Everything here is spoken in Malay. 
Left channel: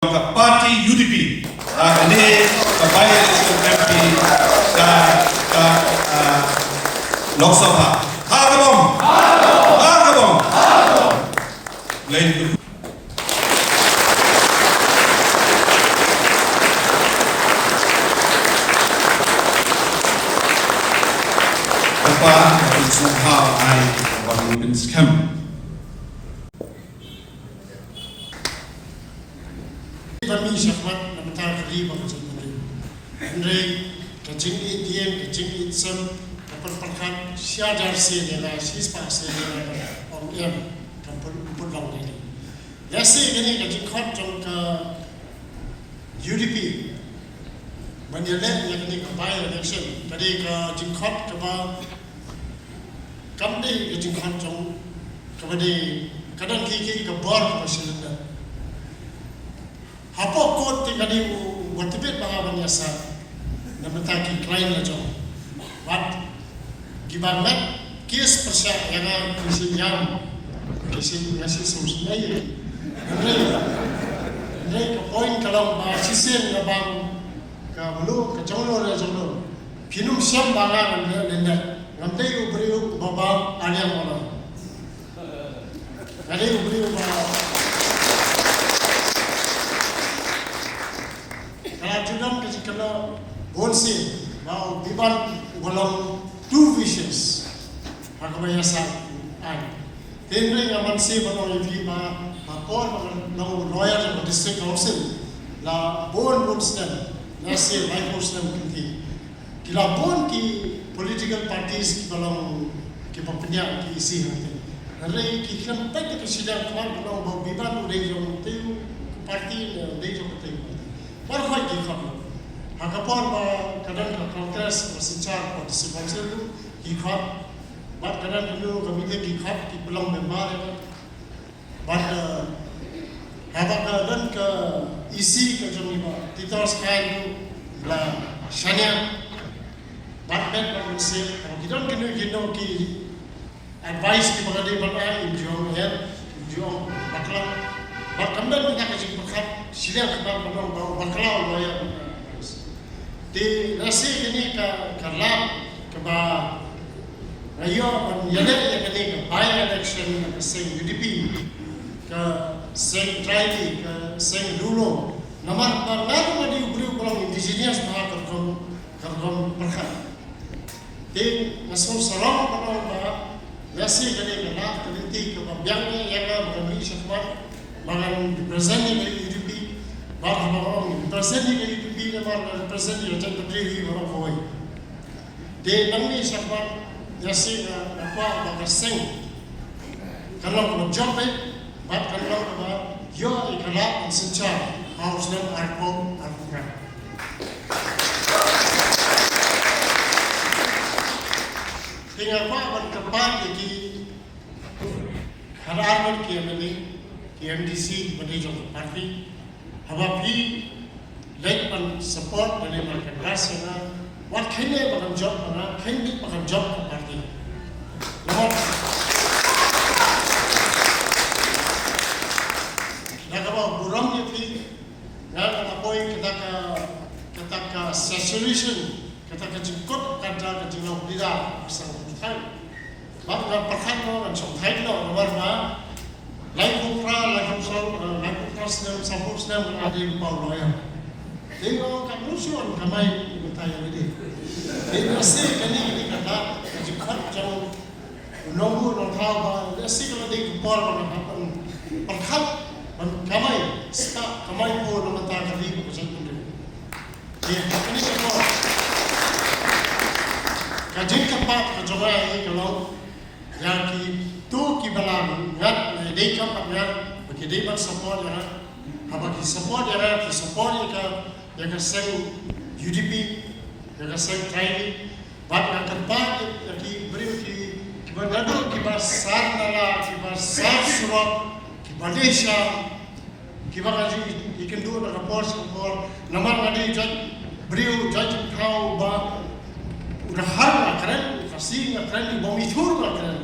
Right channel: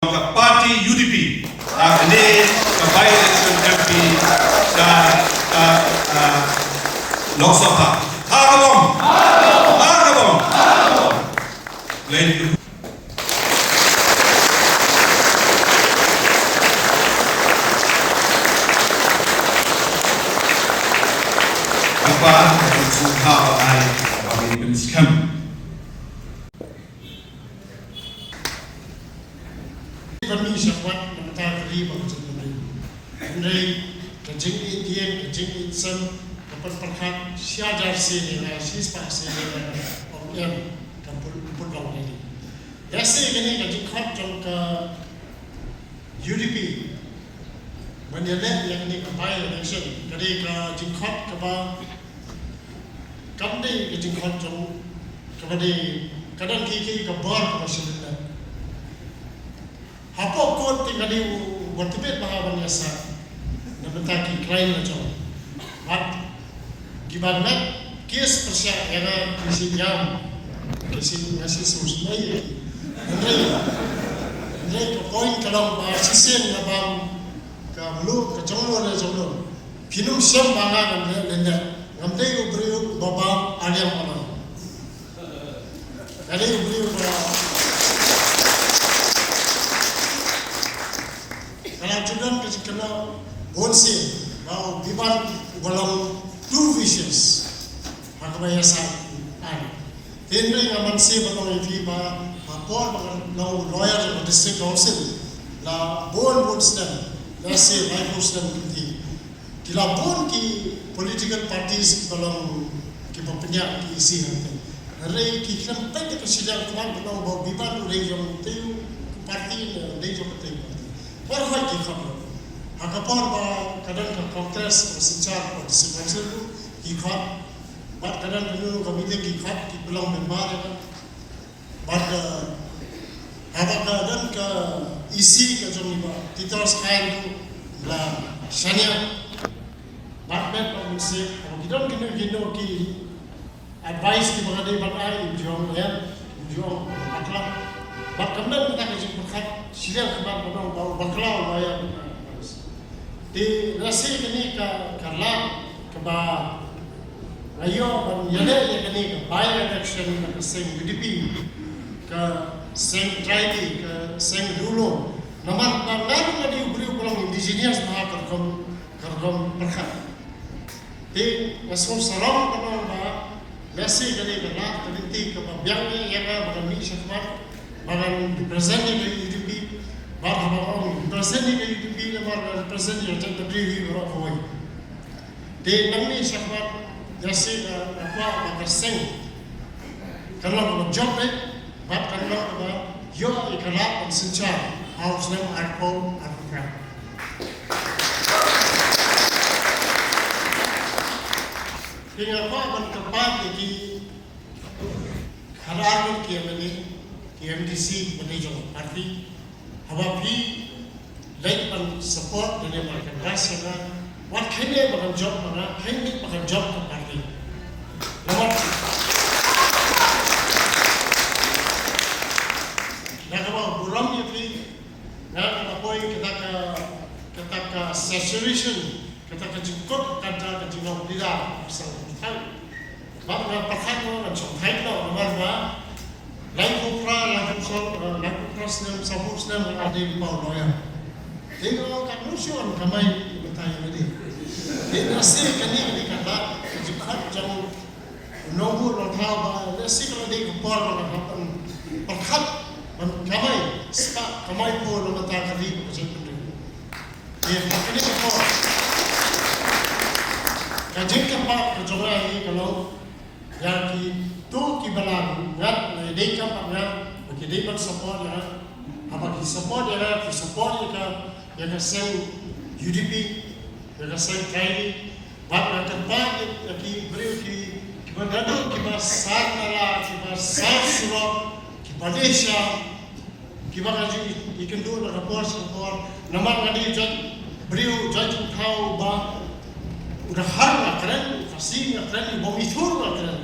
Parti UDP ini by-election MP sa Lok Sabha. Hargabong. Lain apa yang suka ay Republican scam. Kami syafat meminta riba macam ini. Andai kecing Indian, kecing Insam, kapal perkat siadar sini, sispa sini, orang kapal pulau ini. Yasi ini kecing kat jom ke UDP. Menjelek yang ini kepai election. Jadi kecing kat kepa kami kecing kat jom kepada kadang kiki kebar macam ini. Apa kot tinggal di bertipet bahawa biasa dapat taki klaim macam, mat gimana kes persia yang kisi jam, kisi semua ini, ini poin kalau sisen nabang ke bulu ke jomlo le jomlo, pinum siam bangga lenda, ngamdai uberiu bapa aliam orang, kali uberiu Kalau kalau bonsi, kalau diban walau two visions, aku biasa Tentu yang masih baru diba, apa kalau lawyer di district council, la bon sedang, nasi lain sedang kunci. Kila bon ki political parties kalau kita punya isi apa. Hari kita sampai ke sidang kalau bawa diban region tu parti region tu. Orang kita Hakapor kadang ke Kongres secara partisipasi itu ikut, bat kadang perlu komite ikut di belum member, bat kadang ke isi ke jomba titel sekali itu lah sanya, bat komisi kita kena ki advice di mana dia berada jual bakla, bat kadang kita kerja berkat sila kita bawa bakla lah di nasi ini kerana keba rayo menjadi yang ini by election same UDP ke same tribe ke same dulu nama di ubri ulang indigenous bahasa kerkom berkat di nasul sarang kalau nasi ini kerana nanti kebiangnya yang berkami syafat malam presentnya dari UDP bahawa presentnya dari UDP nama present yang terjadi di bawah. Di kami syafat nasi apa seng. Kalau job kalau yo ikhlas secara harusnya aku lakukan. Dengan apa bertempat di hadapan KMDC manager arti habis lain support dari mereka kasih what kini bahan job mana kini bahan job berarti lepas yang kalau burung itu yang apa poin kita ke saturation kita ke jengkot kata ke jengkot tidak bisa bertahan bapak pakai orang cungkai dah orang lain pukra sedang sambung sedang ada di bawah loya. Tengok kat musuh ramai bertanya ini. Dia nasi kini kata jika jauh nombor tahu nasi kalau dia kupar orang perkat ramai sekat ramai pun orang tak terima macam itu. Dia ini semua. Kajian tempat kerja ini kalau yang itu kibalan ngat dia kapnya bagi dia support ya. Apa support yang seng UDP, yang seng KAI, bat yang terbaik yang beri kita besar nala, kita besar surau, kita Malaysia, kita kaji ikan dua rapor, nama kali beri judge kau bah udah hal keren, fasih keren, bomitur keren.